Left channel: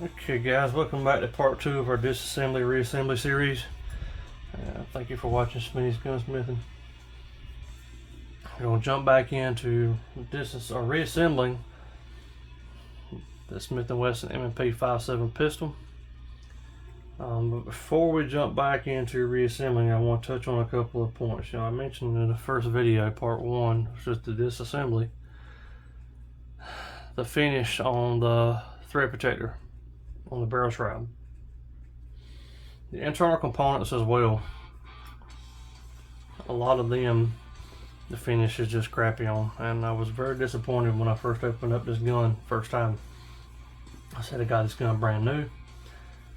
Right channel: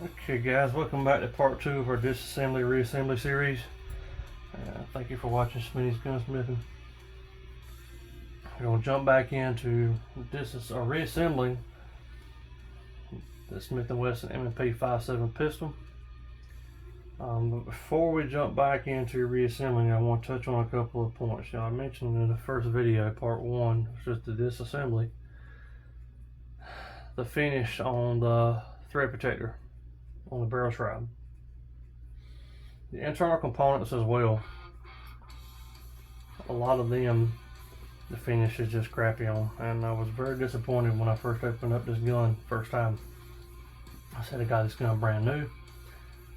Okay guys, welcome back to part 2 of our disassembly reassembly series. Thank you for watching Smitty's Gunsmithing. We're going to jump back into reassembling the Smith and Wesson M&P 5.7 pistol. But before we jump back into reassembling, I want to touch on a couple of points. I mentioned in the first video, part 1, which was the disassembly, the finish on the thread protector on the barrel shroud. The internal components as well, a lot of them, the finish is just crappy on, and I was very disappointed when I first opened up this gun first time. I said I got this gun brand new,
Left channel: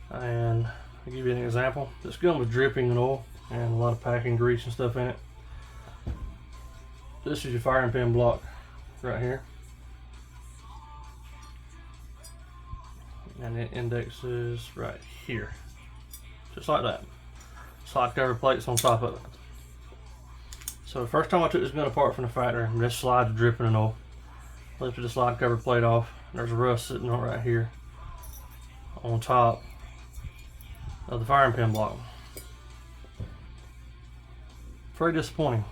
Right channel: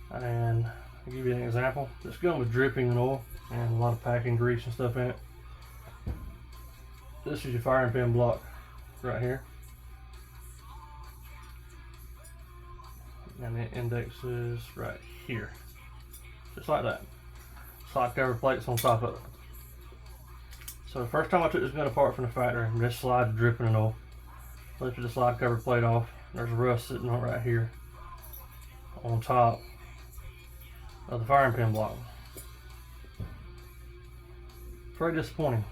and I'll give you an example. This gun was dripping in oil and a lot of packing grease and stuff in it. This is your firing pin block right here, and the index is right here, just like that. Slide cover plates on top of it. So the first time I took this gun apart from the factory, this slide's dripping in oil. Lifted the slide cover plate off. There's rust sitting on right here on top of the firing pin block. Very disappointing.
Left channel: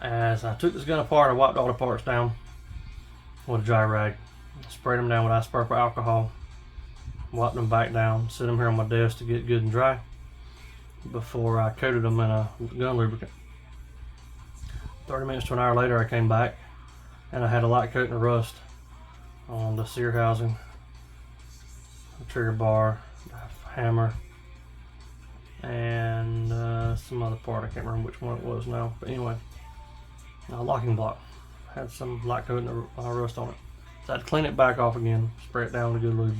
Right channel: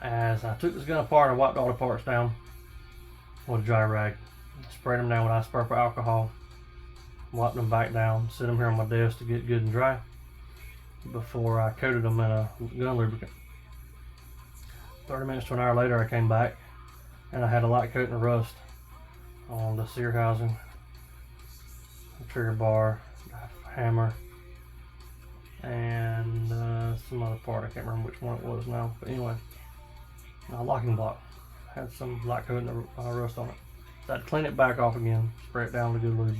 As I took this gun apart, I wiped all the parts down with a dry rag, sprayed them down with isopropyl alcohol, wiped them back down, set them here on my desk to get good and dry before I coated them in a gun lubricant. 30 minutes to an hour later, I came back and I had a light coating of rust on the sear housing, the trigger bar, the hammer, and some other part. I can't remember which one it was now, but anyway, a locking block had some light coating of rust on it. So I had to clean it back off again, spray it down with a good lube.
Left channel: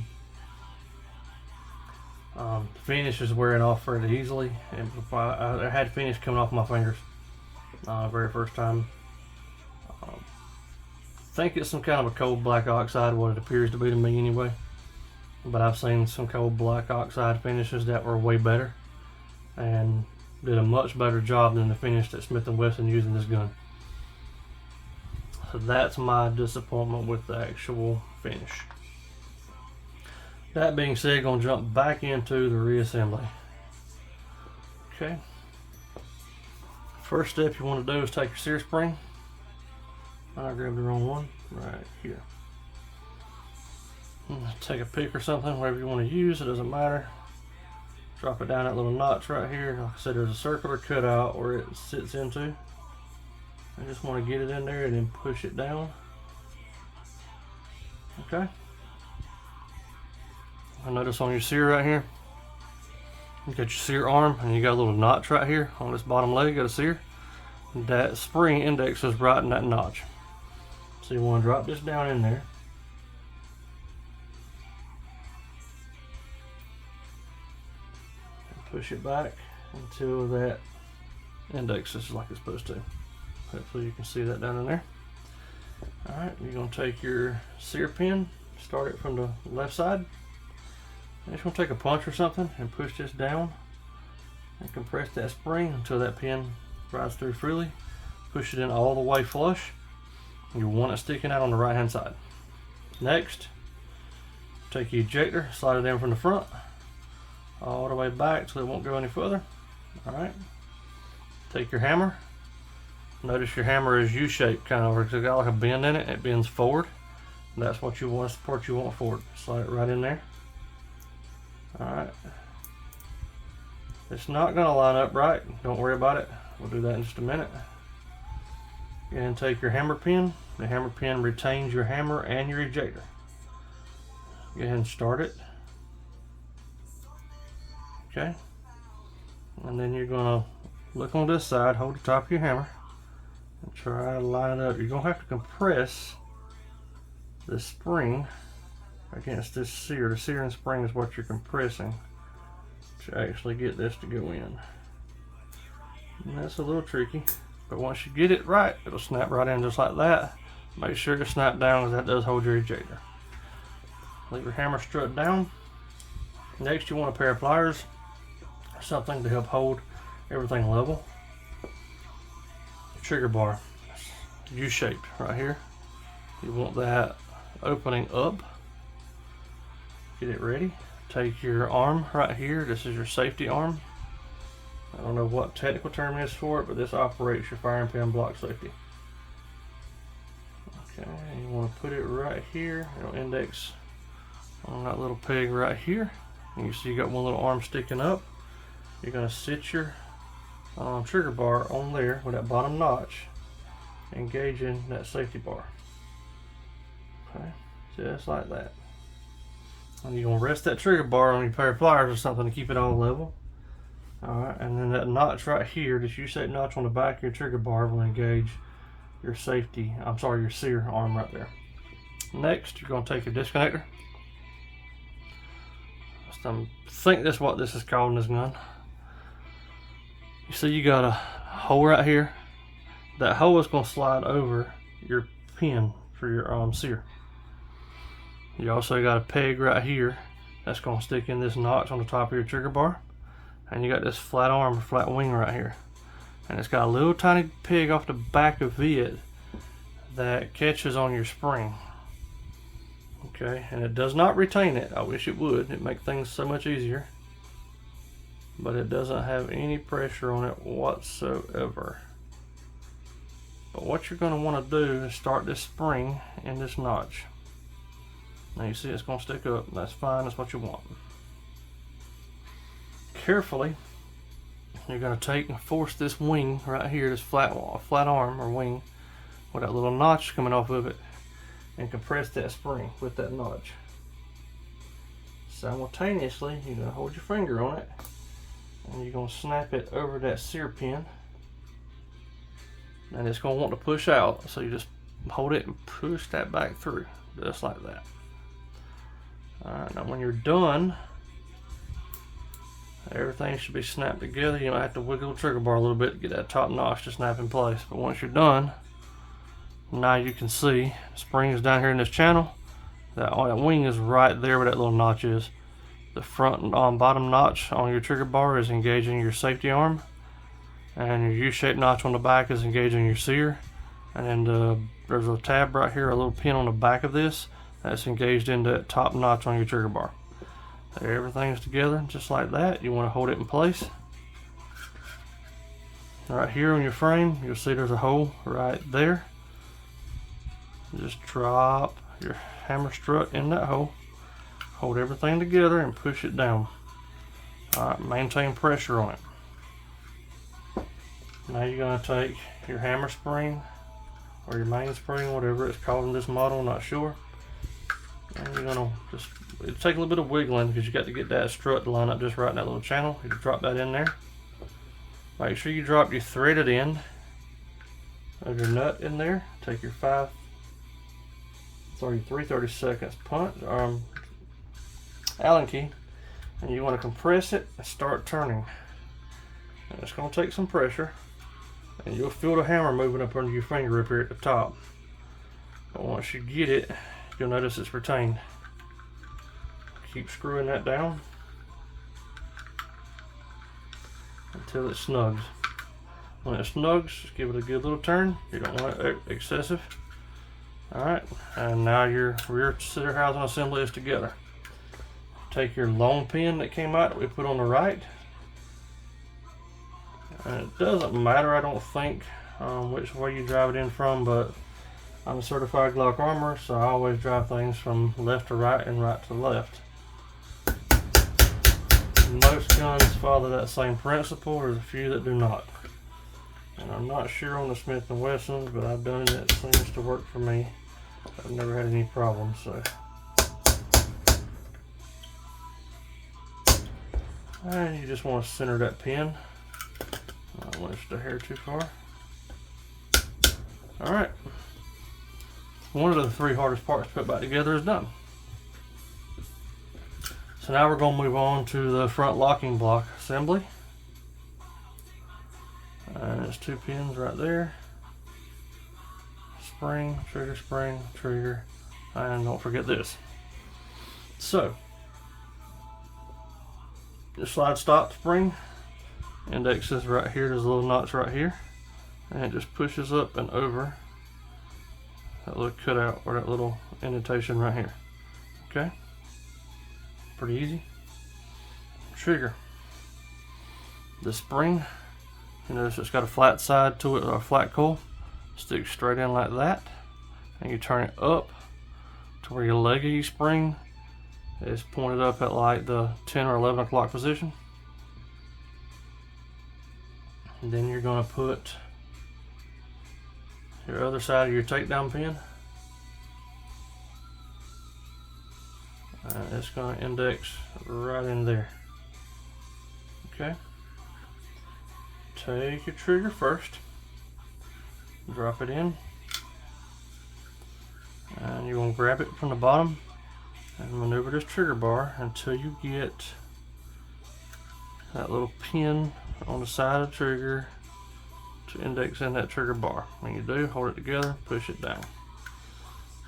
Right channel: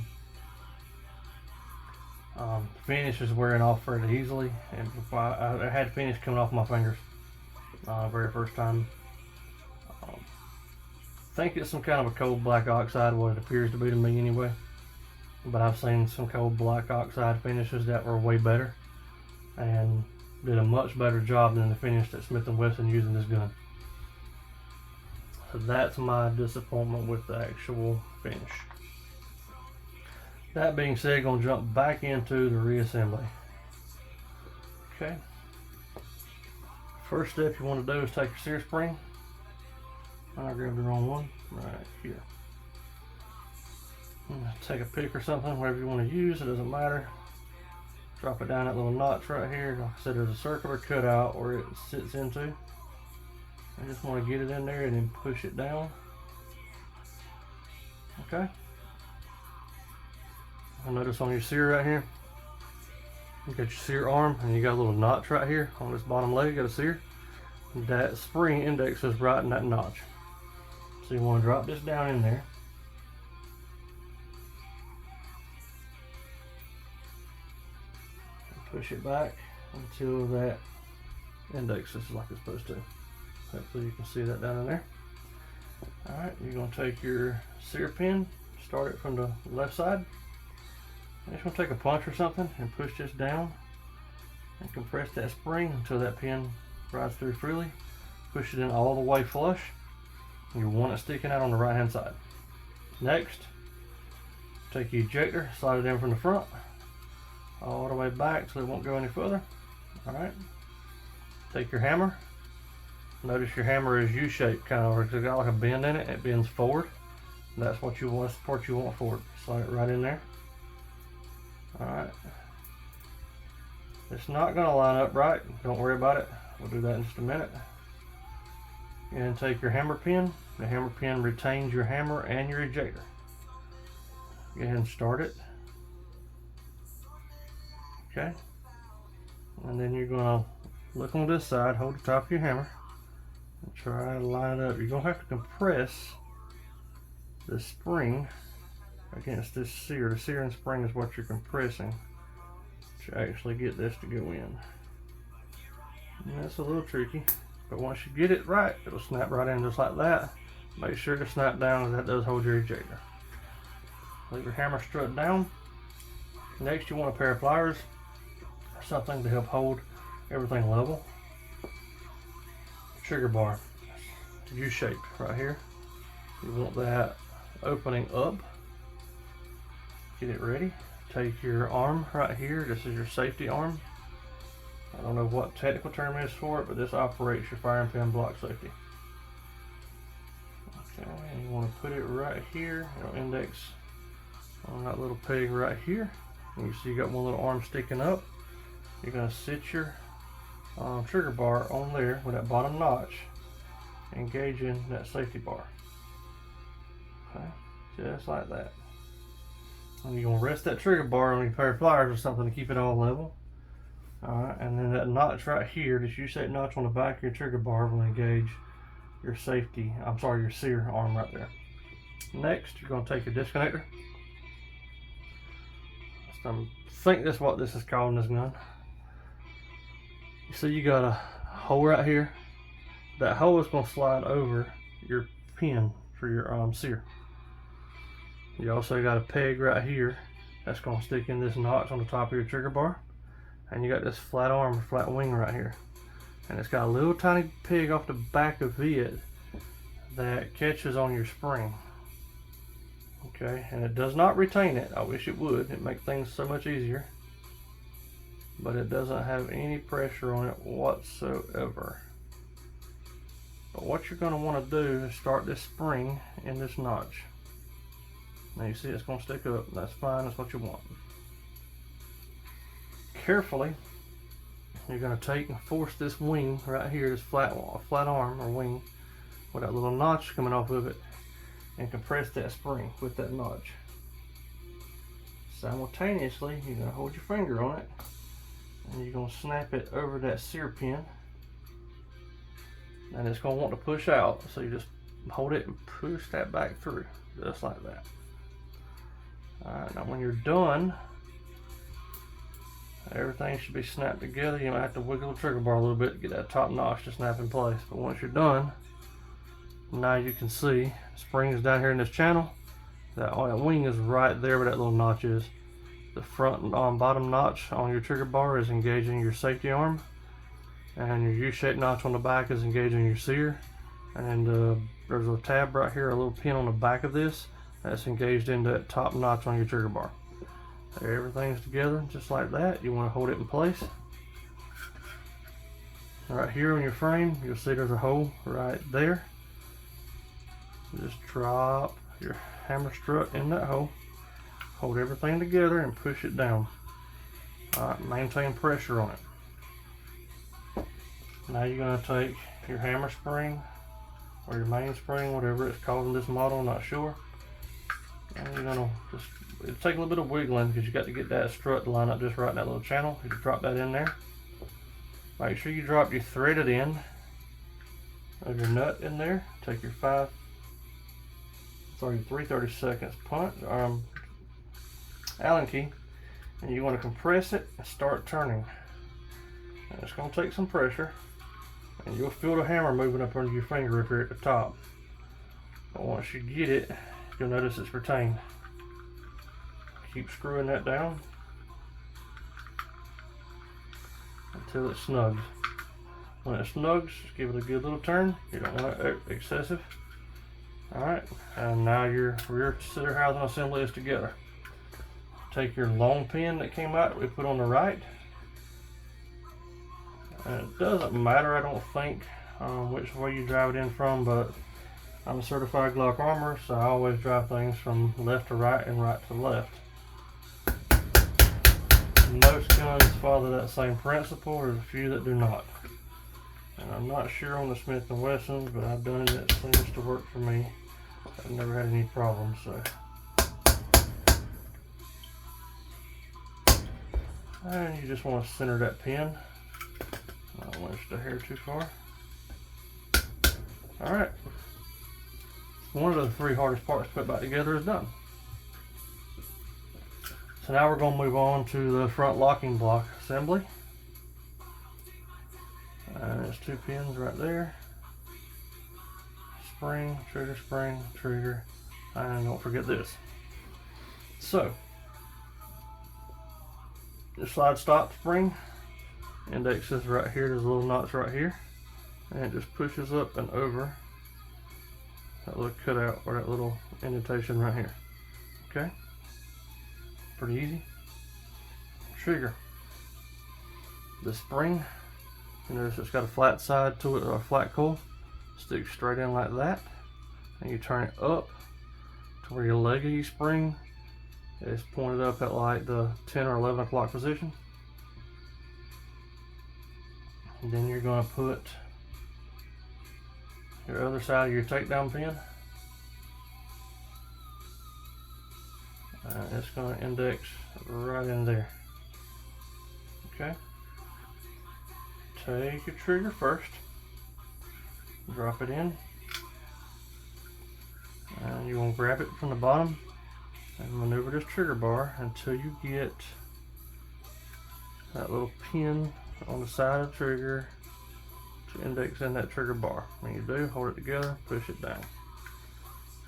The finish is wearing off fairly easily, and I had finish coming off my fingers very first time. I think it's some kind of a cold black oxide, what it appears to be to me anyway, but I've seen some cold black oxide finishes that were way better and did a much better job than the finish that Smith and Wesson using this gun. So that's my disappointment with the actual finish. That being said, gonna jump back into the reassembly. Okay. First step you want to do is take your sear spring. I grabbed the wrong one. Right here. Take a pick or something, whatever you want to use, it doesn't matter. Drop it down that little notch right here. Like I said, there's a circular cutout where it sits into. I just want to get it in there and then push it down. Okay. I notice on your sear right here, you got your sear arm and you got a little notch right here on this bottom leg, got a sear. That spring index is right in that notch. So you want to drop this down in there. And push it back until that index is like it's supposed to. Hopefully you can see that down in there. Alright, you're going to take your sear pin, start it from the left side. You're just going to take a punch or something and push this down and compress that spring until that pin rides through freely. Push it in all the way flush. You want it sticking out on the right hand side. Next, take your ejector, slide it in from the front all the way back so it won't go any further. Alright, take your hammer. Notice your hammer is U-shaped, kind of, it's got like a bend in it. It bends forward. That's what you want, that's the part you want forward. Slide it right in there. Alright. It's not going to line up right. Don't worry about it. We'll do that in just a minute. And take your hammer pin. The hammer pin retains your hammer and your ejector. Go ahead and start it. Okay. And then you're going to look on this side, hold the top of your hammer, and try to line it up. You're going to have to compress the spring against this sear. The searing spring is what you're compressing to actually get this to go in. And that's a little tricky, but once you get it right, it'll snap right in just like that. Make sure to snap down, as that does hold your ejector. Leave your hammer strut down. Next, you want a pair of pliers or something to help hold everything level. Trigger bar, U-shaped right here. You want that opening up. Get it ready. Take your arm right here. This is your safety arm. I don't know what technical term is for it, but this operates your firing pin block safety. Okay, you want to put it right here. It'll index on that little peg right here. And you see you got one little arm sticking up. You're going to sit your trigger bar on there with that bottom notch, engaging that safety bar. Okay, just like that. And you're going to rest that trigger bar on your pair of pliers or something to keep it all level. Alright, and then that notch right here, this U-shaped notch on the back of your trigger bar will engage your your sear arm right there. Next, you're going to take your disconnector. I think that's what this is called in this gun. You see you got a hole right here. That hole is going to slide over your pin for your sear. You also got a peg right here that's going to stick in this notch on the top of your trigger bar. And you got this flat arm, flat wing right here. And it's got a little tiny peg off the back of it that catches on your spring. Okay, and it does not retain it. I wish it would. It'd make things so much easier. But it doesn't have any pressure on it whatsoever. But what you're going to want to do is start this spring in this notch. Now you see it's going to stick up. That's fine. That's what you want. Carefully, you're going to take and force this wing right here, this flat arm or wing with that little notch coming off of it, and compress that spring with that notch. Simultaneously, you're going to hold your finger on it and you're going to snap it over that sear pin, and it's going to want to push out, so you just hold it and push that back through just like that. Alright, now when you're done, everything should be snapped together. You might have to wiggle the trigger bar a little bit to get that top notch to snap in place. But once you're done, now you can see the spring is down here in this channel. That wing is right there where that little notch is. The front and bottom notch on your trigger bar is engaging your safety arm. And your U-shaped notch on the back is engaging your sear. And then there's a tab right here, a little pin on the back of this, that's engaged into that top notch on your trigger bar. There, everything's together just like that. You want to hold it in place. Right here on your frame, you'll see there's a hole right there. Just drop your hammer strut in that hole. Hold everything together and push it down. Alright, maintain pressure on it. Now you're going to take your hammer spring or your mainspring, whatever it's called in this model, I'm not sure. And you're going to just, it'll take a little bit of wiggling because you got to get that strut to line up just right in that little channel. You drop that in there. Make sure you drop your threaded end of your nut in there. Take your 3/32 punch Allen key, and you want to compress it and start turning. And it's going to take some pressure, and you'll feel the hammer moving up under your finger up here at the top. But once you get it, you'll notice it's retained. Keep screwing that down until it snugs. When it snugs, just give it a good little turn. You don't want it excessive. Alright, and now your rear center housing assembly is together. Take your long pin that came out that we put on the right. And it doesn't matter, I don't think, which way you drive it in from, but I'm a certified Glock armorer, so I always drive things from left to right and right to left. Most guns follow that same principle. There's a few that do not. And I'm not sure on the Smith and Wessons, but I've done it and it seems to work for me. I've never had any problems, so. And you just want to center that pin. I don't want it to hair too far. Alright. One of the three hardest parts to put back together is done. So now we're going to move on to the front locking block assembly. And there's two pins right there. Spring, trigger, and don't forget this. So, the slide stop spring, index is right here, there's a little notch right here, and it just pushes up and over that little cutout or that little indentation right here. Okay, pretty easy. Trigger. The spring, you notice it's got a flat side to it, or a flat coil. Sticks straight in like that, and you turn it up to where your leg of your spring is pointed up at like the 10 or 11 o'clock position. And then you're going to put your other side of your takedown pin, and it's going to index right in there. Okay, take your trigger first, drop it in, and you're going to grab it from the bottom and maneuver this trigger bar until you get that little pin on the side of the trigger to index in that trigger bar. When you do, hold it together, push it down.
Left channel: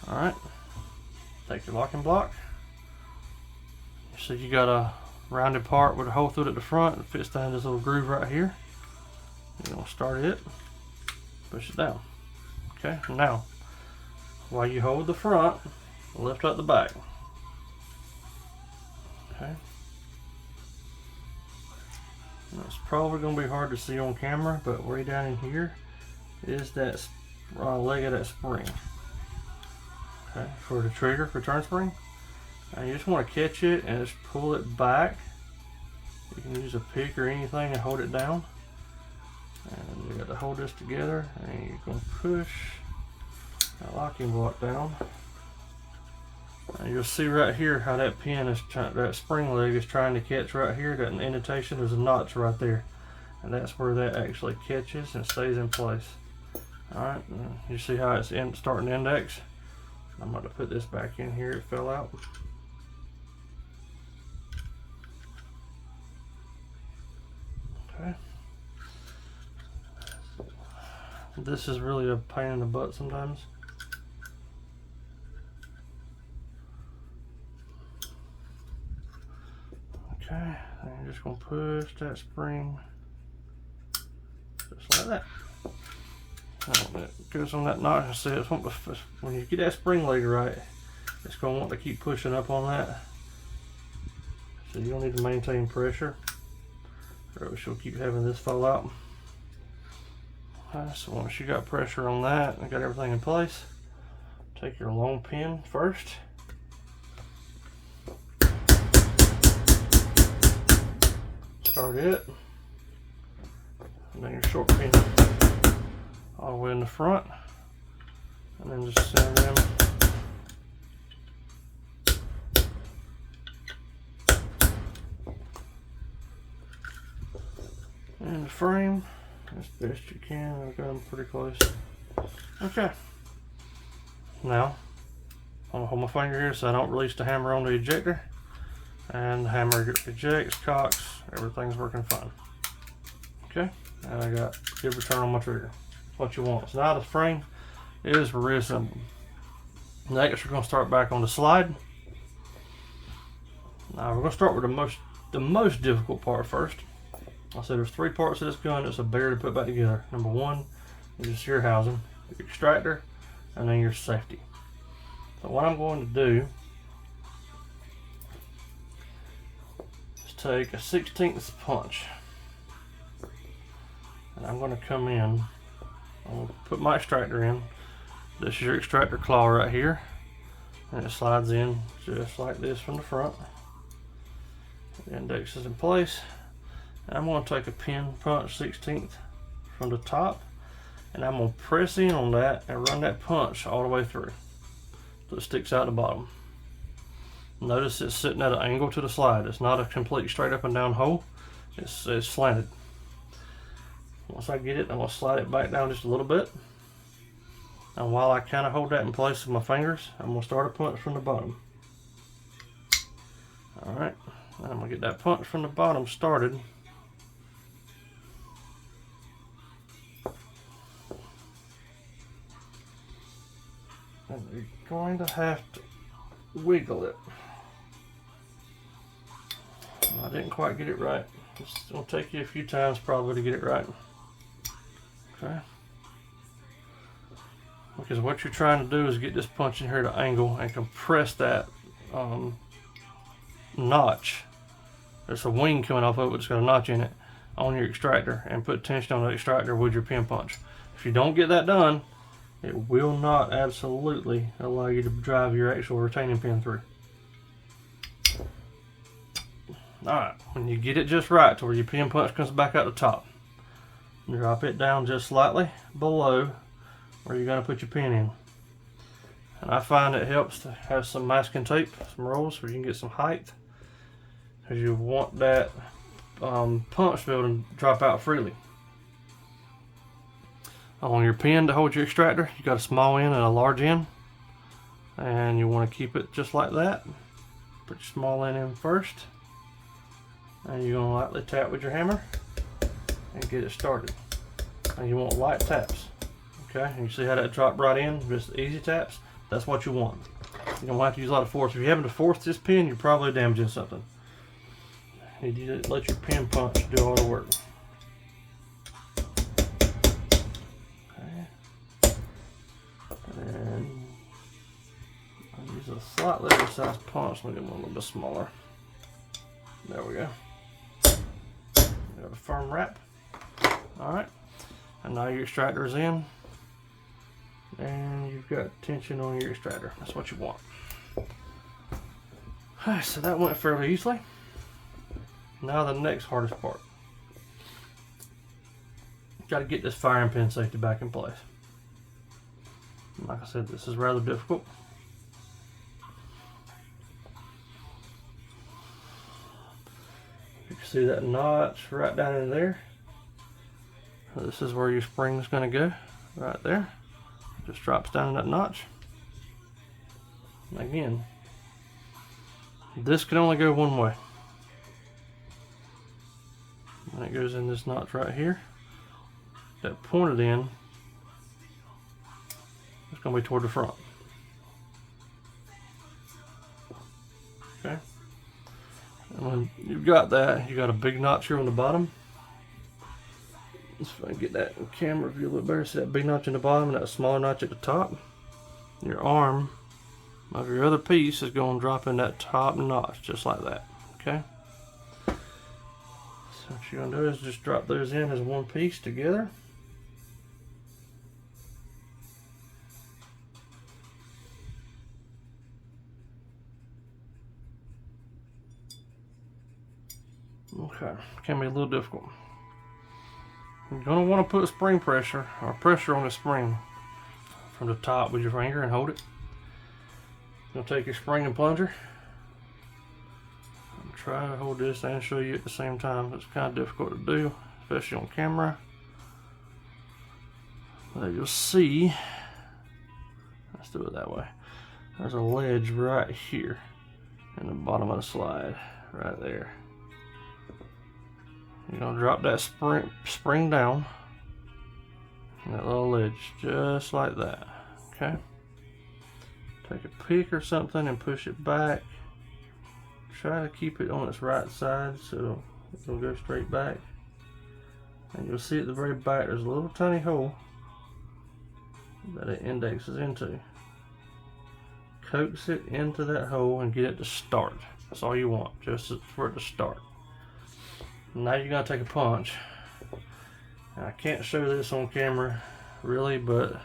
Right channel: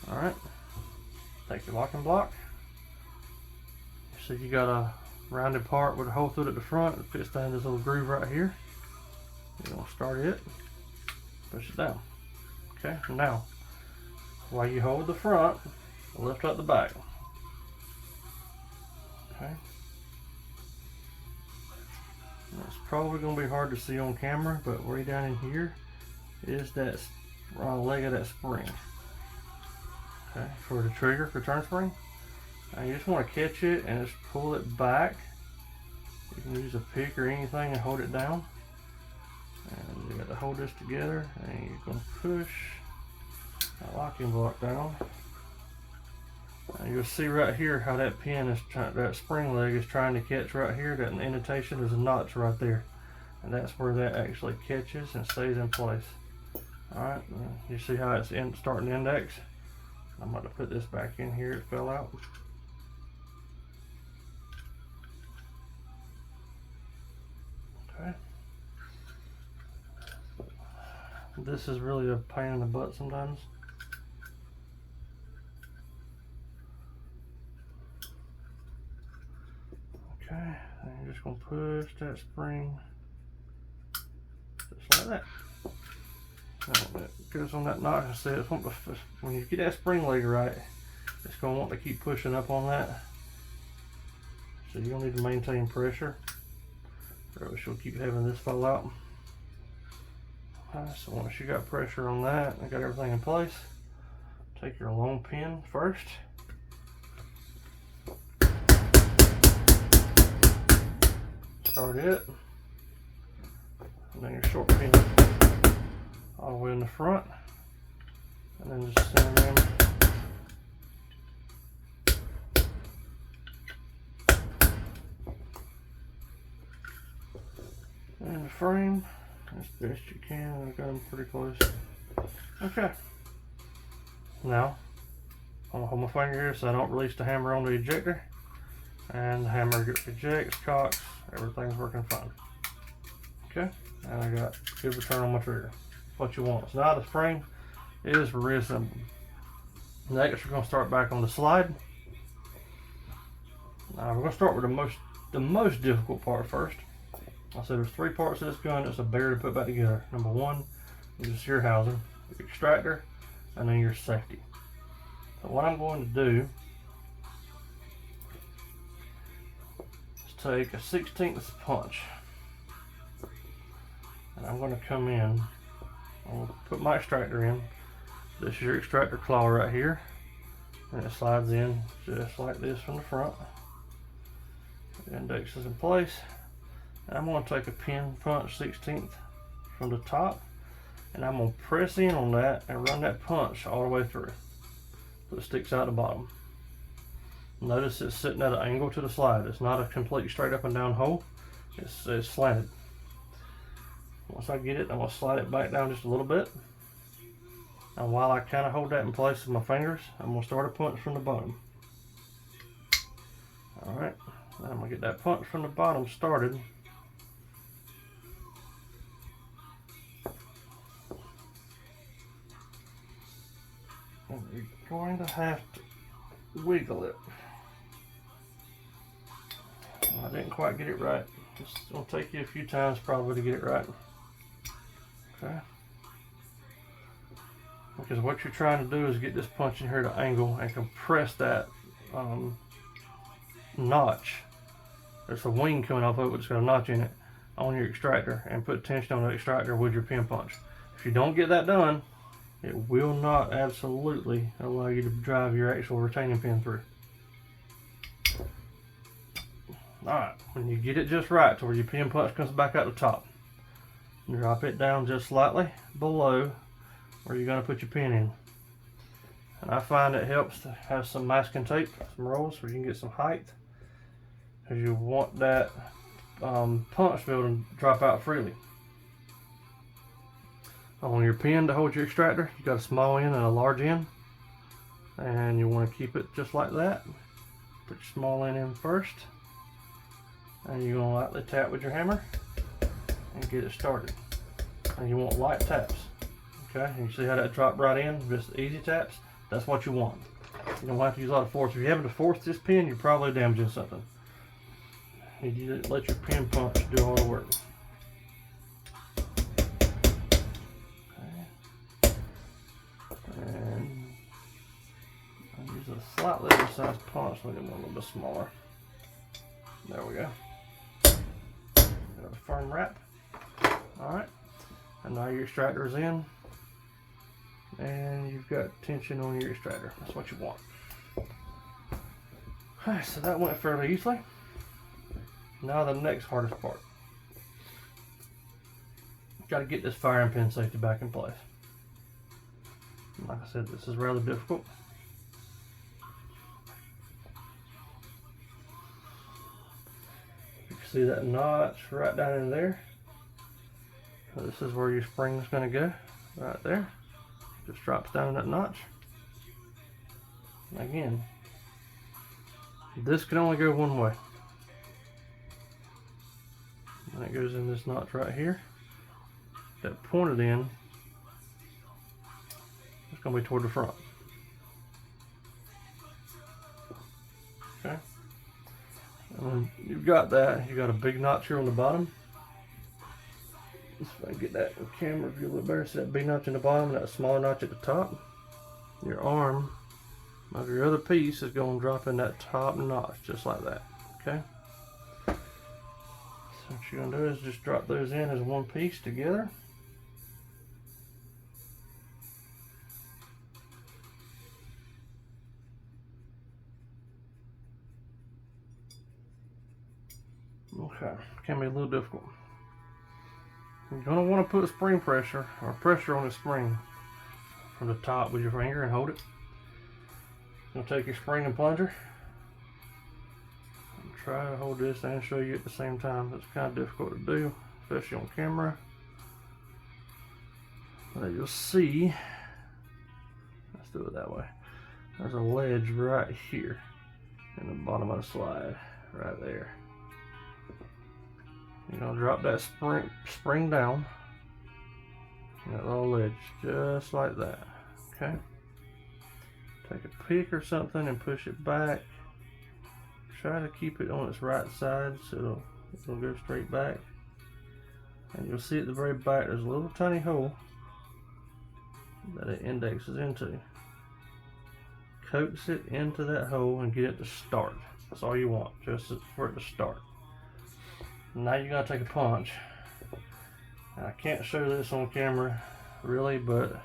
Alright, take your locking block. So you got a rounded part with a hole through it at the front. It fits down this little groove right here. You're going to start it, push it down. Okay, now while you hold the front, lift up the back. Okay, it's probably going to be hard to see on camera, but way down in here is that leg of that spring. Okay, for the trigger, return spring. Now you just want to catch it and just pull it back. You can use a pick or anything and hold it down. And you got to hold this together, and you're going to push that locking block down. And you'll see right here how that pin is that spring leg is trying to catch right here. That indentation, there's a notch right there, and that's where that actually catches and stays in place. All right, you see how it's starting to index. I'm going to put this back in here. It fell out. Okay. This is really a pain in the butt sometimes. Okay, and you're just going to push that spring just like that. And it goes on that notch. See, it's when you get that spring leg right, it's going to want to keep pushing up on that. So you don't need to maintain pressure, or else you'll keep having this fall out. Alright, so once you got pressure on that and got everything in place, take your long pin first. Start it, and then your short pin all the way in the front, and then just center them in the frame as best you can. I've got them pretty close. Okay, now I'm gonna hold my finger here so I don't release the hammer on the ejector, and the hammer ejects, cocks, everything's working fine. Okay, and I got good return on my trigger. What you want. So now the frame is reassembled. Next, we're going to start back on the slide. Now we're going to start with the most difficult part first. I said there's 3 parts of this gun that's a bear to put back together. Number 1 is your sear housing, your extractor, and then your safety. So what I'm going to do is take a 1/16 punch, and I'm going to come in. I'll put my extractor in. This is your extractor claw right here, and it slides in just like this from the front. The index is in place. And I'm going to take a pin punch 1/16 from the top, and I'm going to press in on that and run that punch all the way through so it sticks out the bottom. Notice it's sitting at an angle to the slide. It's not a complete straight up and down hole. It's slanted. Once I get it, I'm going to slide it back down just a little bit. And while I kind of hold that in place with my fingers, I'm going to start a punch from the bottom. Alright, I'm going to get that punch from the bottom started. And you're going to have to wiggle it. I didn't quite get it right. It's going to take you a few times probably to get it right. Okay. because what you're trying to do is get this punch in here to angle and compress that notch. There's a wing coming off of it, which has got a notch in it, on your extractor, and put tension on the extractor with your pin punch. If you don't get that done, it will not absolutely allow you to drive your actual retaining pin through. Alright, when you get it just right to where your pin punch comes back out the top, drop it down just slightly below where you're going to put your pin in. And I find it helps to have some masking tape, some rolls, so you can get some height, because you want that punch field to drop out freely. On your pin to hold your extractor, you got a small end and a large end, and you want to keep it just like that. Put your small end in first, and you're going to lightly tap with your hammer and get it started. And you want light taps. Okay, and you see how that dropped right in? Just easy taps. That's what you want. You don't have to use a lot of force. If you're having to force this pin, you're probably damaging something. You need to let your pin punch do all the work. Okay. And I'll use a slightly oversized punch. Let me get one a little bit smaller. There we go. Got a firm wrap. Alright. And now your extractor is in. And you've got tension on your extractor. That's what you want. Alright, so that went fairly easily. Now the next hardest part. Got to get this firing pin safety back in place. Like I said, this is rather difficult. You can see that notch right down in there. This is where your spring is going to go, right there. Just drops down in that notch. Again, this can only go one way. And it goes in this notch right here. That pointed end is going to be toward the front. Okay. And when you've got that, you got a big notch here on the bottom. Let's see if I can get that in camera view a little better. See that big notch in the bottom and that smaller notch at the top? Your arm of your other piece is going to drop in that top notch just like that. Okay? So what you're going to do is just drop those in as one piece together. Okay, can be a little difficult. You're going to want to put spring pressure or pressure on the spring from the top with your finger and hold it. You'll take your spring and plunger and try to hold this and show you at the same time. It's kind of difficult to do, especially on camera. But you'll see, let's do it that way. There's a ledge right here in the bottom of the slide, right there. You're going to drop that spring down in that little ledge, just like that. Okay? Take a pick or something and push it back. Try to keep it on its right side so it'll go straight back. And you'll see at the very back there's a little tiny hole that it indexes into. Coax it into that hole and get it to start. That's all you want, just for it to start. Now you're going to take a punch. And I can't show this on camera really, but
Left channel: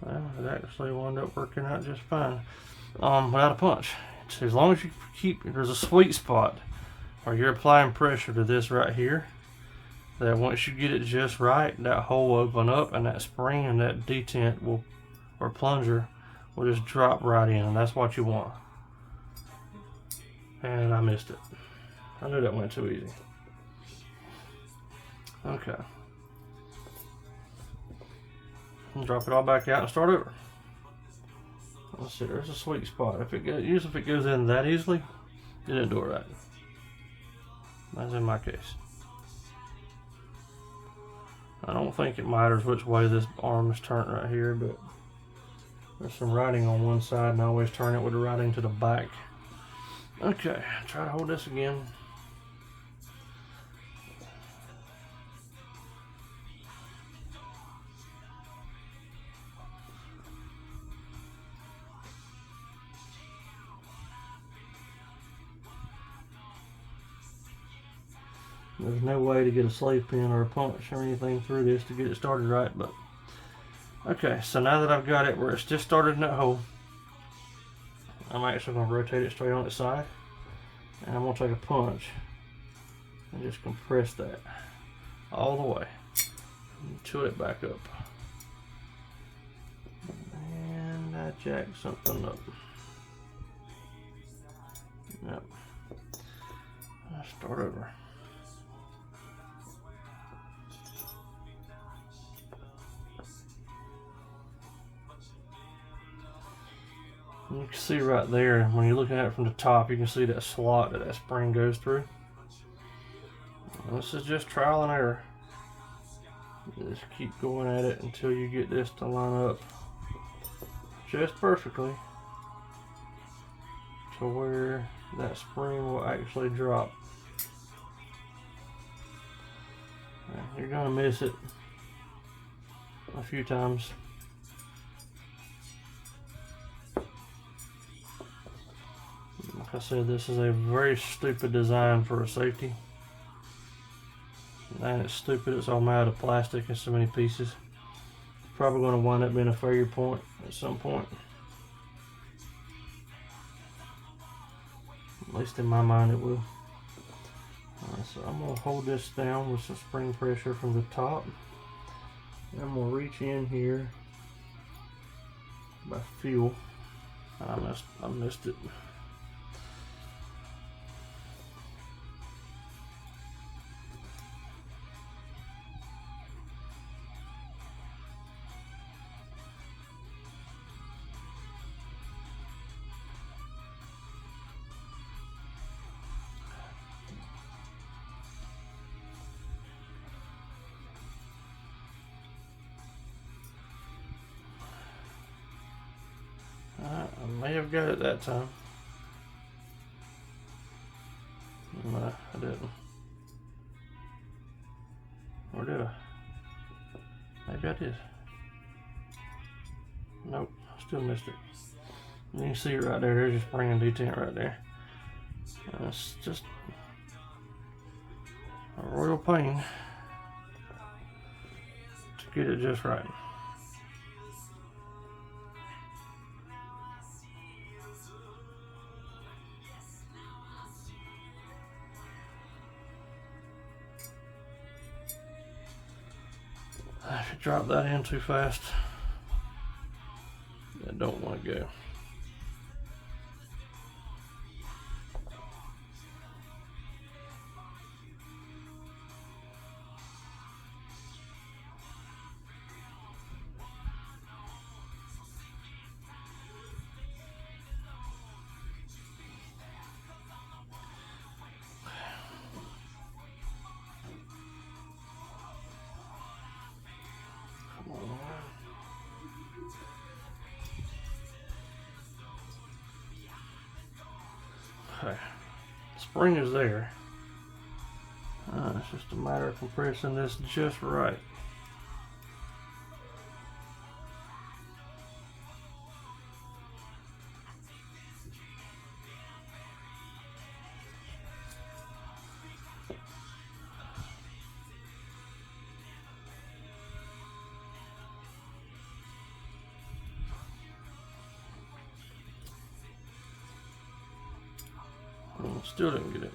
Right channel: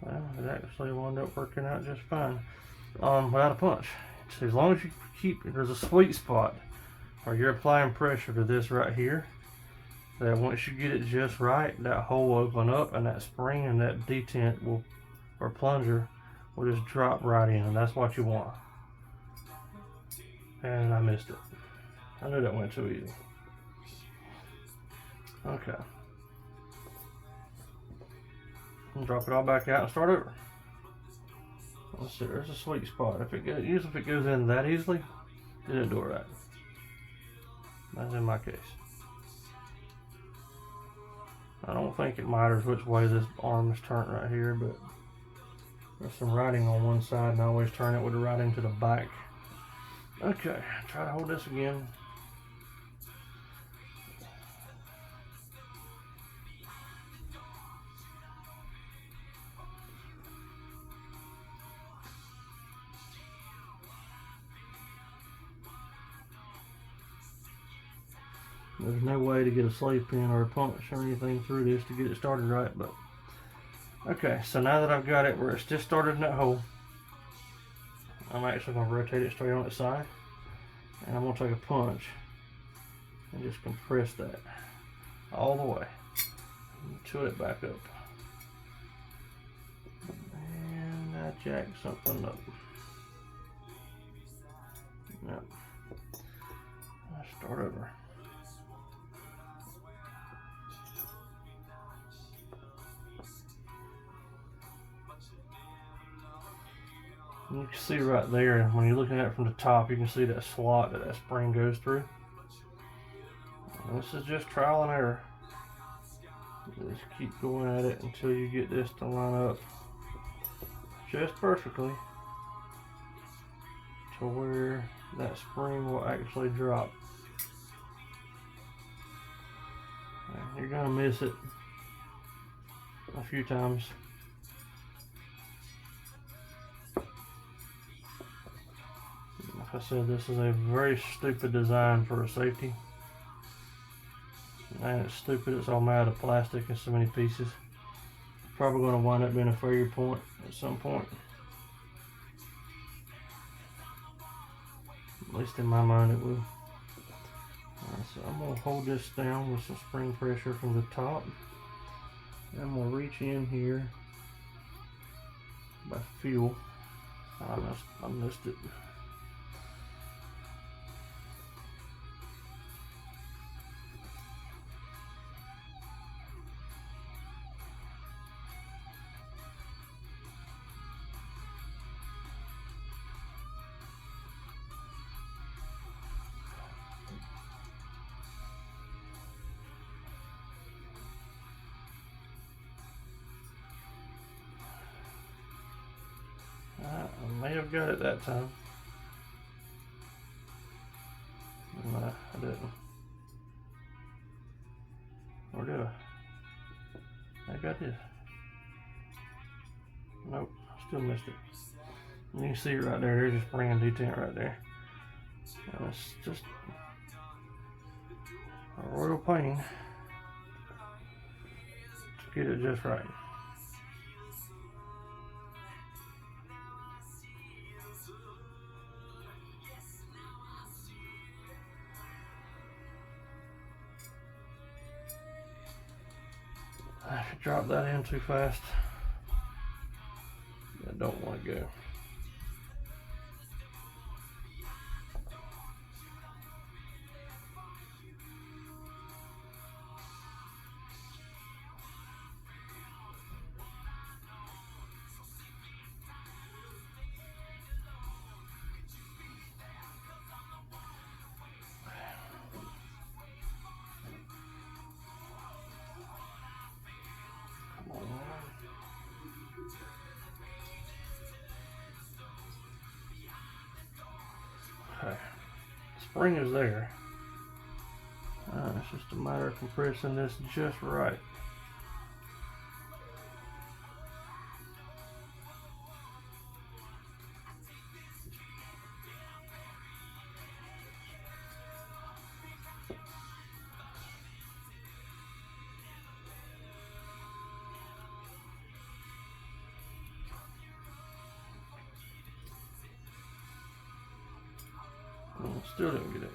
well, it actually wound up working out just fine without a punch. So as long as you keep, there's a sweet spot where you're applying pressure to this right here, that once you get it just right, that hole will open up and that spring and that detent will, or plunger, will just drop right in, and that's what you want. And I missed it. I knew that went too easy. Okay. And drop it all back out and start over. Let's see, there's a sweet spot. Usually if it goes in that easily, it didn't do it right. That's in my case. I don't think it matters which way this arm is turned right here, but there's some writing on one side and I always turn it with the writing to the back. Okay, try to hold this again. There's no way to get a slave pin or a punch or anything through this to get it started right, but okay, so now that I've got it where it's just started in that hole, I'm actually going to rotate it straight on its side, and I'm going to take a punch and just compress that all the way until it back up. And I jacked something up. Yep. I'll start over. You can see right there, when you're looking at it from the top, you can see that slot that spring goes through. And this is just trial and error. Just keep going at it until you get this to line up just perfectly to where that spring will actually drop. And you're going to miss it a few times. Like I said, this is a very stupid design for a safety. And it's stupid, it's all made out of plastic in so many pieces. It's probably going to wind up being a failure point at some point. At least in my mind it will. So I'm going to hold this down with some spring pressure from the top. And I'm going to reach in here by feel. I missed it. I may have got it that time. No, I didn't. Or did I? Maybe I did. Nope, I still missed it. And you can see it right there. There's a spring and detent right there. It's just a royal pain to get it just right. If you drop that in too fast, I don't want to go. Okay, spring is there. It's just a matter of compressing this just right. Still didn't get it.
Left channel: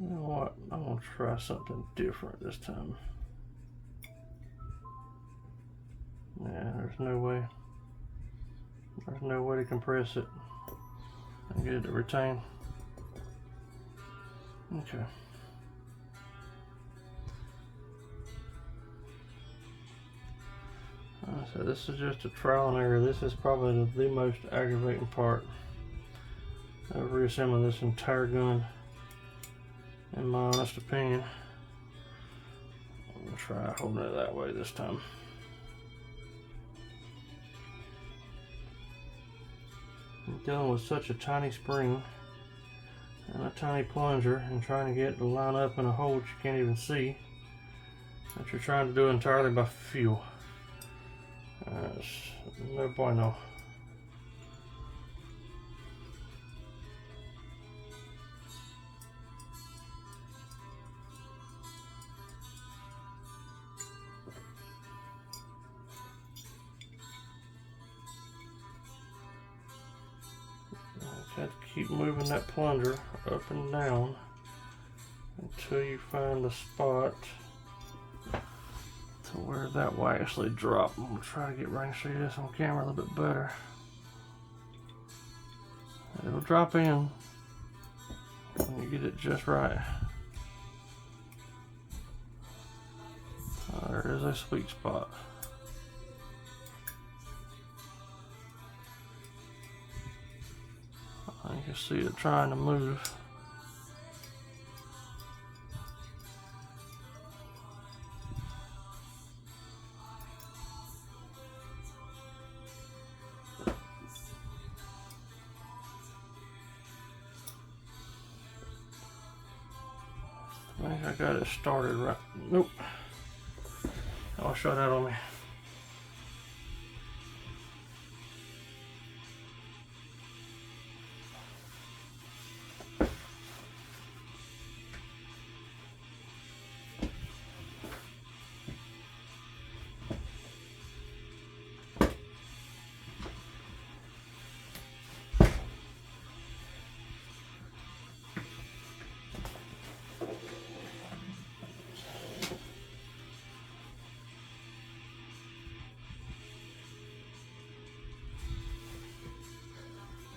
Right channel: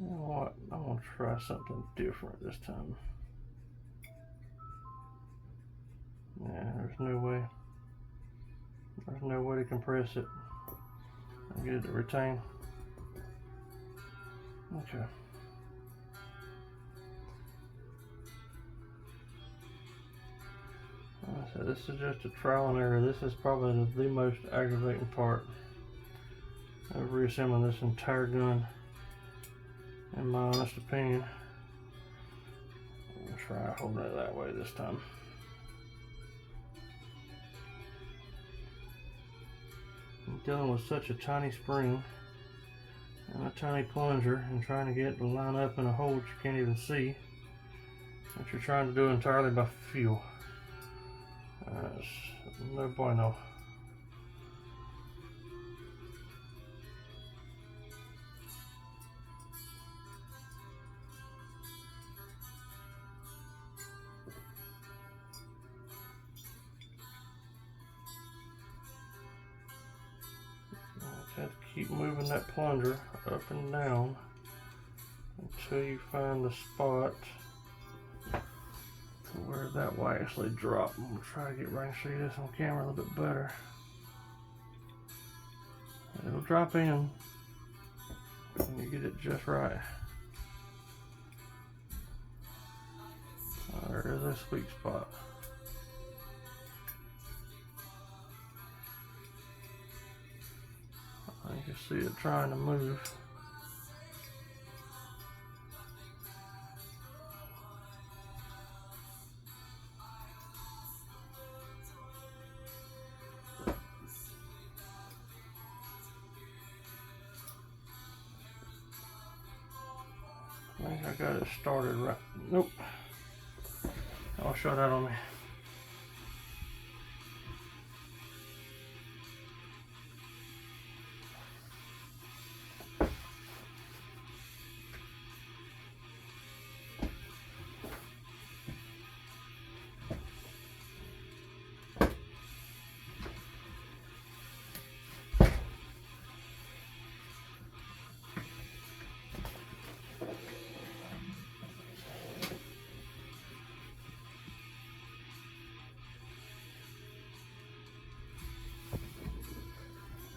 You know what? I'm gonna try something different this time. Yeah, there's no way. There's no way to compress it and get it to retain. Okay. So this is just a trial and error. This is probably the most aggravating part of reassembling this entire gun, in my honest opinion. I'm gonna try holding it that way this time. I'm dealing with such a tiny spring, and a tiny plunger and trying to get it to line up in a hole that you can't even see, that you're trying to do entirely by feel. No bueno. Have to keep moving that plunger up and down until you find the spot to where that will actually drop. I'm going to try to get right and show you this on camera a little bit better. It'll drop in when you get it just right. There is a sweet spot. You can see it trying to move. I think I got it started right. Nope. I'll shut out on me.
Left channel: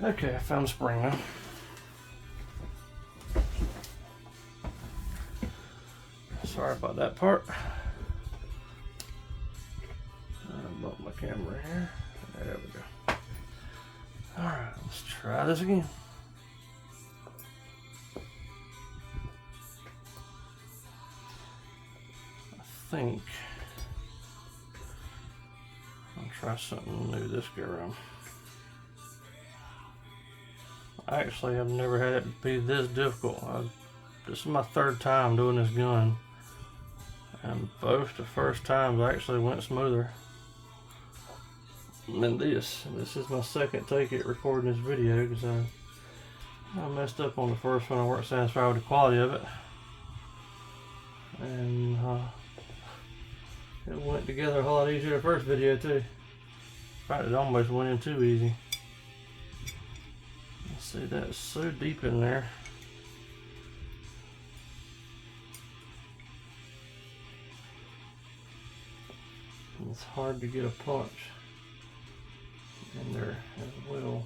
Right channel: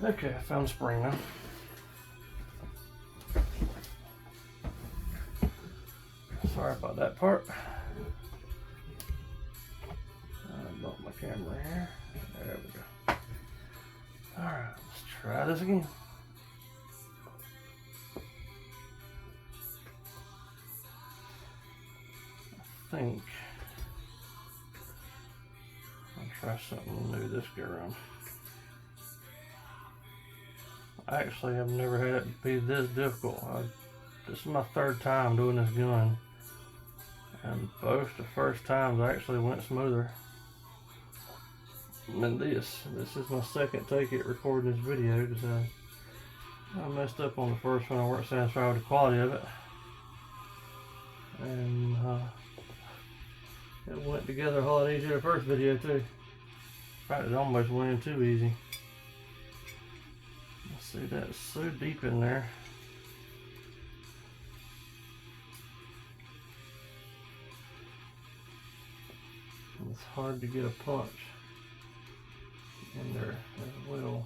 Okay, I found the spring now. Sorry about that part. I bumped my camera here. There we go. Alright, let's try this again. I think I'll try something new this go around. I actually have never had it be this difficult. This is my third time doing this gun, and both the first times I actually went smoother than this. This is my second take at recording this video because I messed up on the first one. I weren't satisfied with the quality of it, and it went together a whole lot easier the first video too. In fact, it almost went in too easy. See, that's so deep in there. It's hard to get a punch in there as well.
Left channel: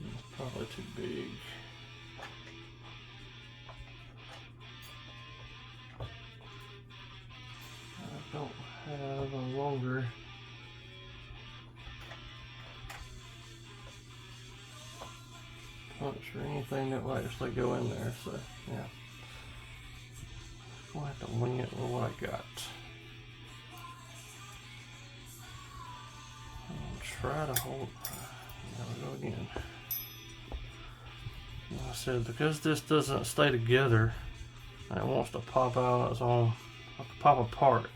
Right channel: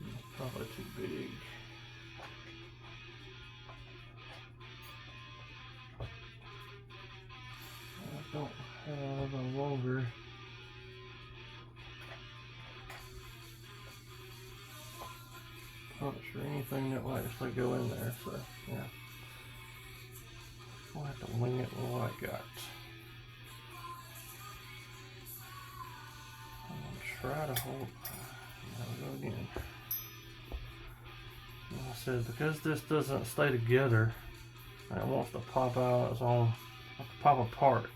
It's probably too big. I don't have a longer punch or anything that will actually go in there, so yeah, I'll have to wing it with what I got. I'll try to hold. There we go again. Like I said, because this doesn't stay together and it wants to pop out its own, pop apart.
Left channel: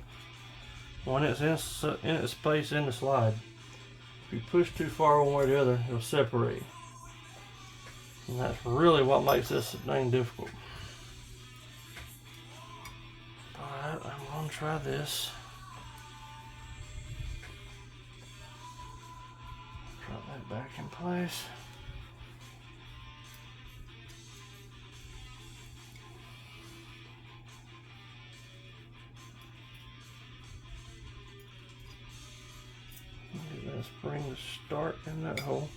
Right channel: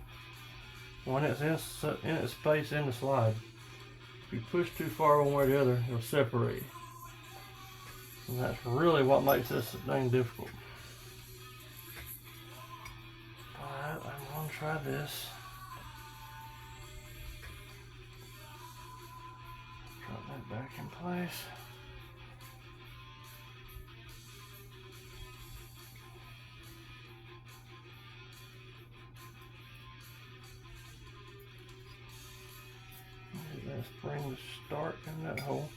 When it's in its place in the slide, if you push too far one way or the other, it'll separate. And that's really what makes this thing difficult. Alright, I'm going to try this. Drop that back in place. Get that spring to start in that hole.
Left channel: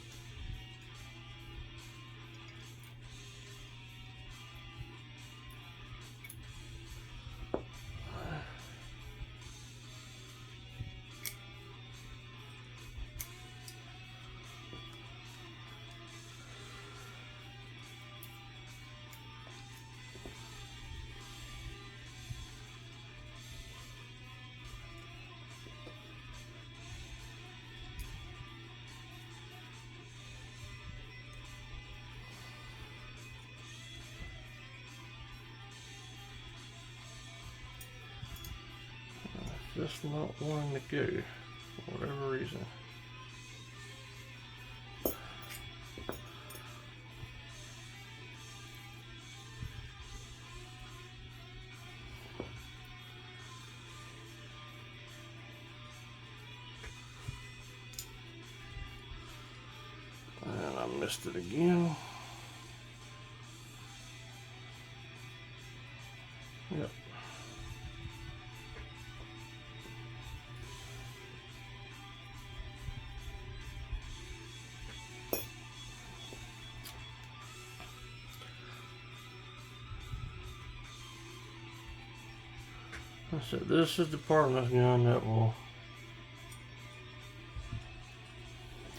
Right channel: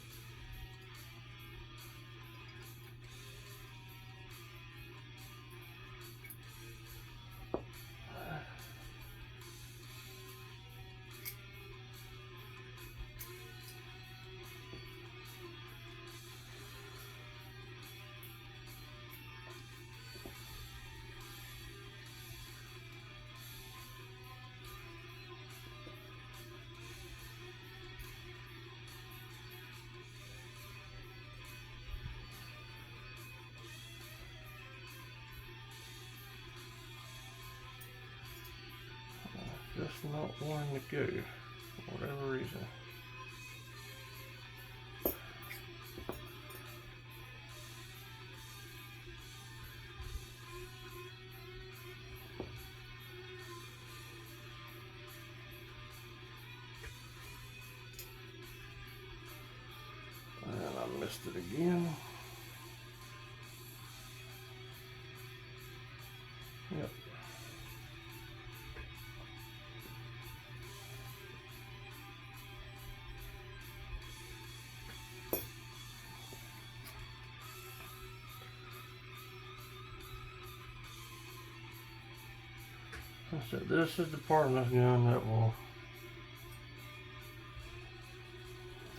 just not wanting to go for whatever reason. And I missed it again. Yep. So this is the part of this gun that will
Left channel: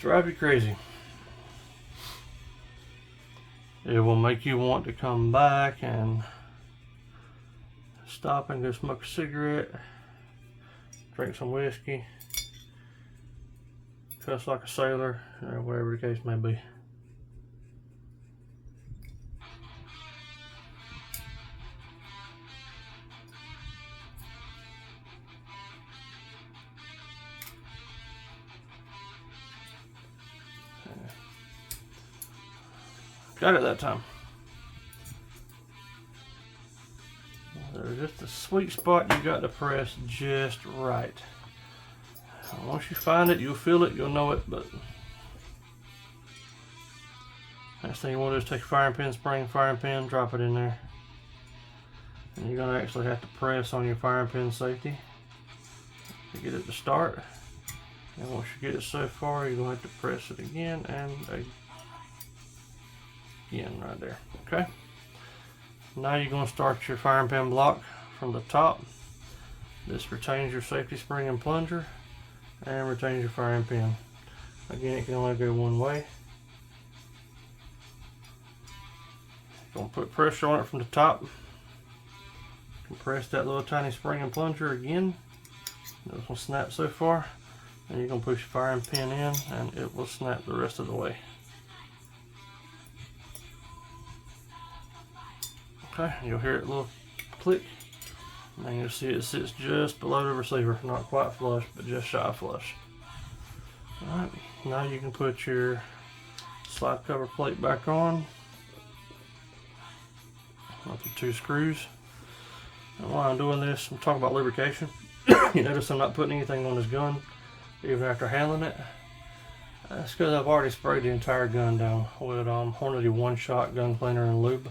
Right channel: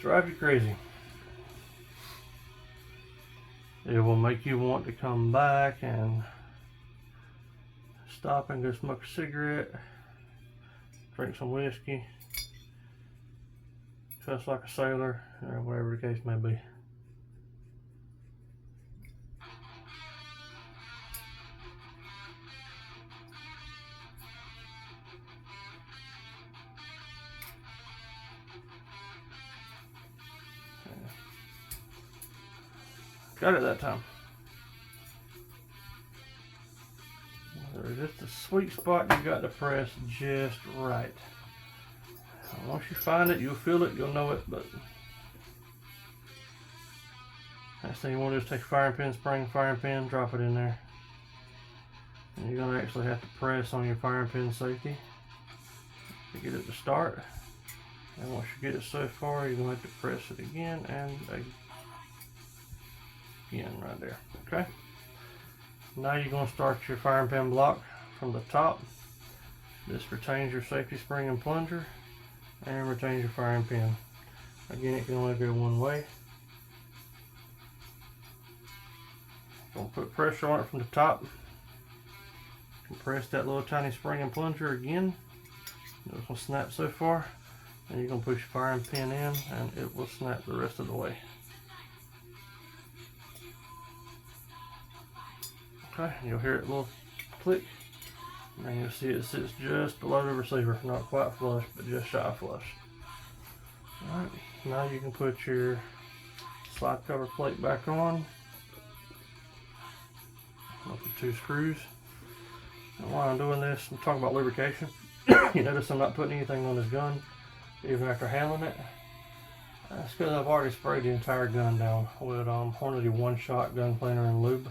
drive you crazy. It will make you want to come back and stop and go smoke a cigarette, drink some whiskey, cuss like a sailor, or whatever the case may be. Got it that time. There's just a sweet spot you got to press just right. And once you find it, you'll feel it, you'll know it, but next thing you want to do is take a firing pin, spring firing pin, drop it in there. And you're going to actually have to press on your firing pin safety to get it to start. And once you get it so far, you're going to have to press it again and again right there. Okay. Now you're going to start your firing pin block from the top. This retains your safety spring and plunger and retains your firing pin. Again, it can only go one way. Going to put pressure on it from the top. Compress that little tiny spring and plunger again. It will snap so far, and you're going to push your firing pin in and it will snap the rest of the way. Okay, you'll hear it a little click, and you'll see it sits just below the receiver, not quite flush, but just shy of flush. Alright, now you can put your slide cover plate back on with the two screws. And while I'm doing this, I'm talking about lubrication. You notice I'm not putting anything on this gun, even after handling it. That's because I've already sprayed the entire gun down with Hornady one-shot gun cleaner and lube.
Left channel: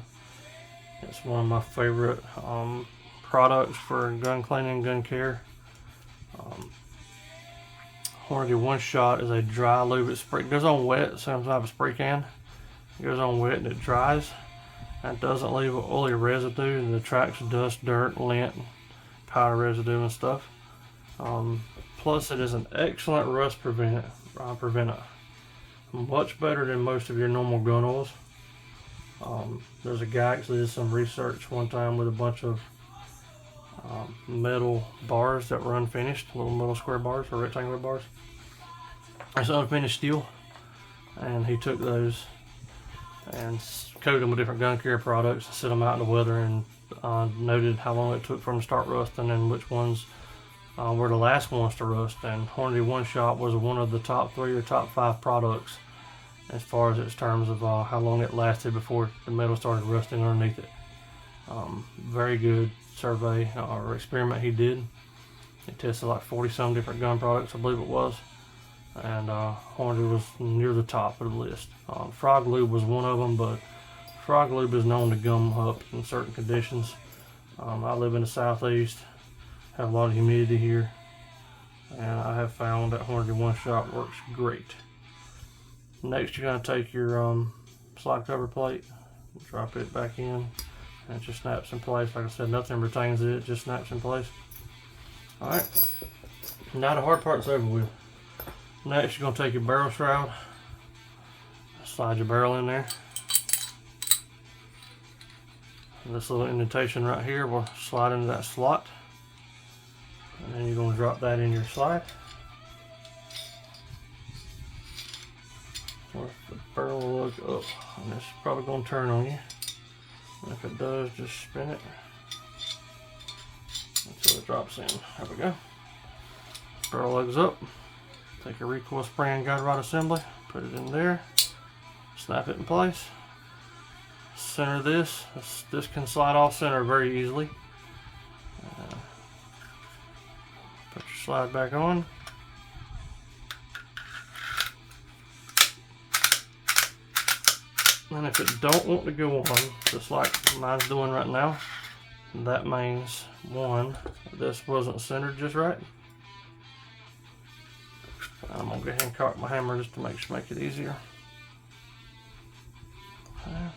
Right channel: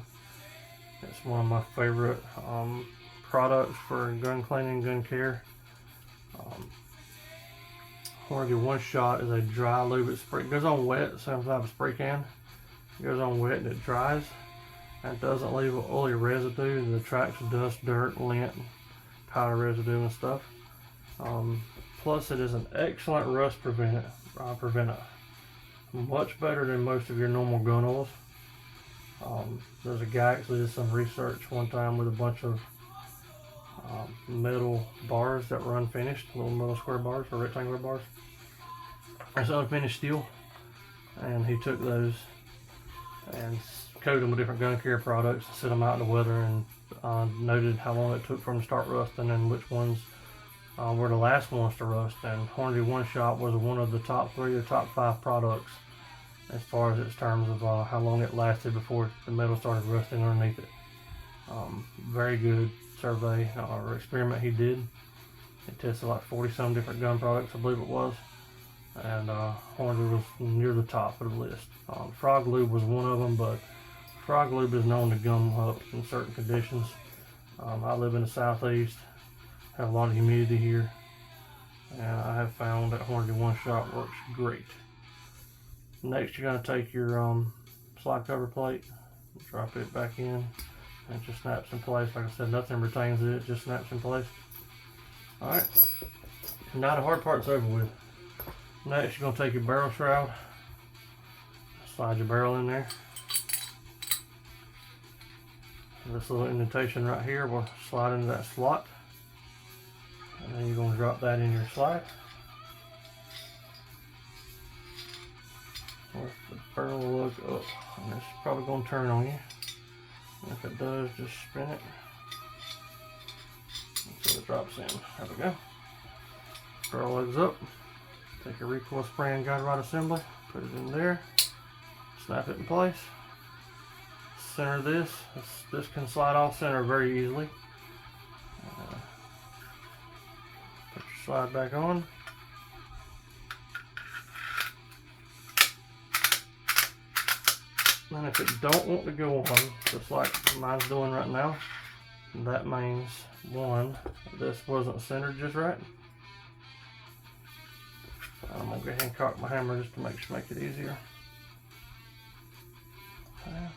It's one of my favorite products for gun cleaning, gun care. Hornady One Shot is a dry lube. It goes on wet, same type of spray can. It goes on wet and it dries. And it doesn't leave an oily residue that attracts dust, dirt, lint, powder residue and stuff. Plus it is an excellent rust preventer. Much better than most of your normal gun oils. There's a guy actually did some research one time with a bunch of metal bars that were unfinished, little metal square bars or rectangular bars. It's unfinished steel, and he took those and coated them with different gun care products and set them out in the weather, and noted how long it took for them to start rusting and which ones were the last ones to rust. And Hornady One Shot was one of the top 3 or top 5 products as far as its terms of how long it lasted before the metal started rusting underneath it. Very good survey or experiment he did. He tested like 40-some different gun products, I believe it was, and Hornady was near the top of the list. Frog lube was one of them, but frog lube is known to gum up in certain conditions. I live in the southeast, have a lot of humidity here, and I have found that Hornady One Shot works great. Next, you're going to take your slide cover plate, drop it back in, and it just snaps in place. Like I said, nothing retains it, it just snaps in place. Alright, now the hard part's over with. Next, you're going to take your barrel shroud, slide your barrel in there. This little indentation right here will slide into that slot. And then you're going to drop that in your slide. Or the barrel will look up, and it's probably going to turn on you. And if it does, just spin it until it drops in. There we go. Screw lugs up. Take your recoil spring and guide rod assembly, put it in there, snap it in place. Center this. This can slide off center very easily. Put your slide back on. And if it don't want to go on, just like mine's doing right now, that means one, this wasn't centered just right. I'm gonna go ahead and cock my hammer just to make it easier. Okay.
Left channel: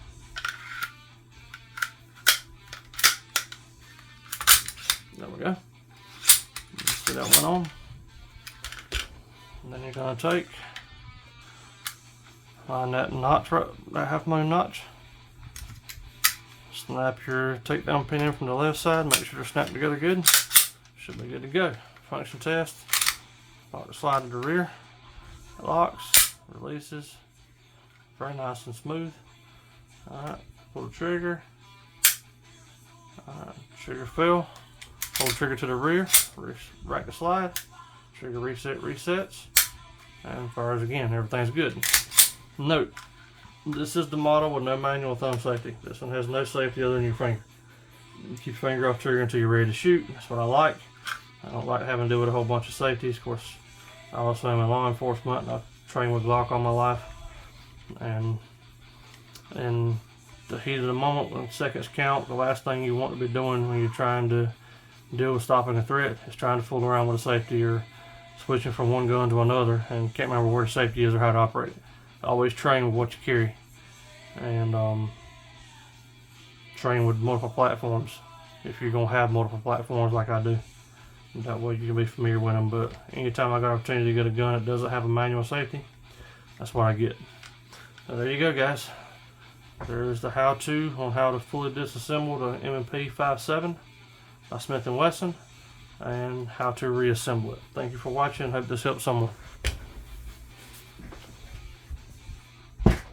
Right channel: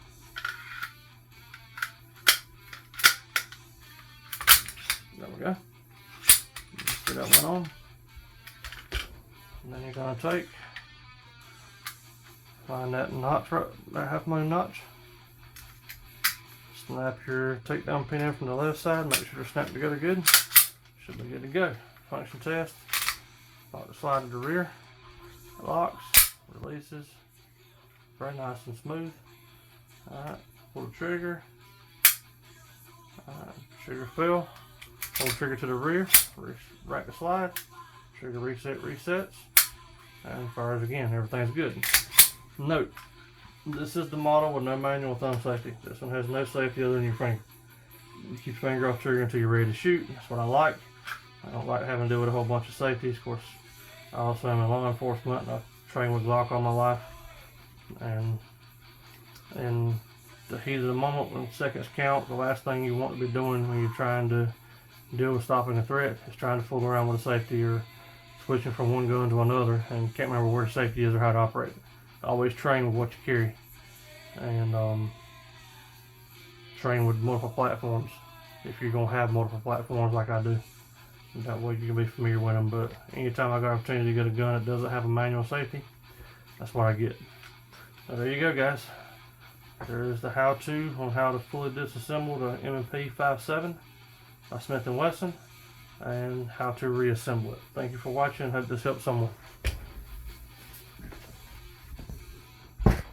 There we go. You see that went on. And then you're gonna take on that notch, right, that half moon notch. Snap your takedown pin in from the left side. Make sure they're snapped together good. Should be good to go. Function test. Lock the slide to the rear. It locks, releases. Very nice and smooth. Alright, pull the trigger. Trigger fell. Hold the trigger to the rear. Rack the slide. Trigger reset, resets. And as far as again, everything's good. Note, this is the model with no manual thumb safety. This one has no safety other than your finger. You keep your finger off trigger until you're ready to shoot. That's what I like. I don't like having to deal with a whole bunch of safeties. Of course, I also am in law enforcement and I've trained with Glock all my life. And in the heat of the moment, when seconds count, the last thing you want to be doing when you're trying to deal with stopping a threat is trying to fool around with a safety or switching from one gun to another and can't remember where the safety is or how to operate it. Always train with what you carry, and train with multiple platforms if you're going to have multiple platforms like I do. And that way you can be familiar with them. But anytime I got an opportunity to get a gun that doesn't have a manual safety, that's what I get. So there you go, guys. There's the how-to on how to fully disassemble the M&P 5.7 by Smith and Wesson and how to reassemble it. Thank you for watching. Hope this helps someone.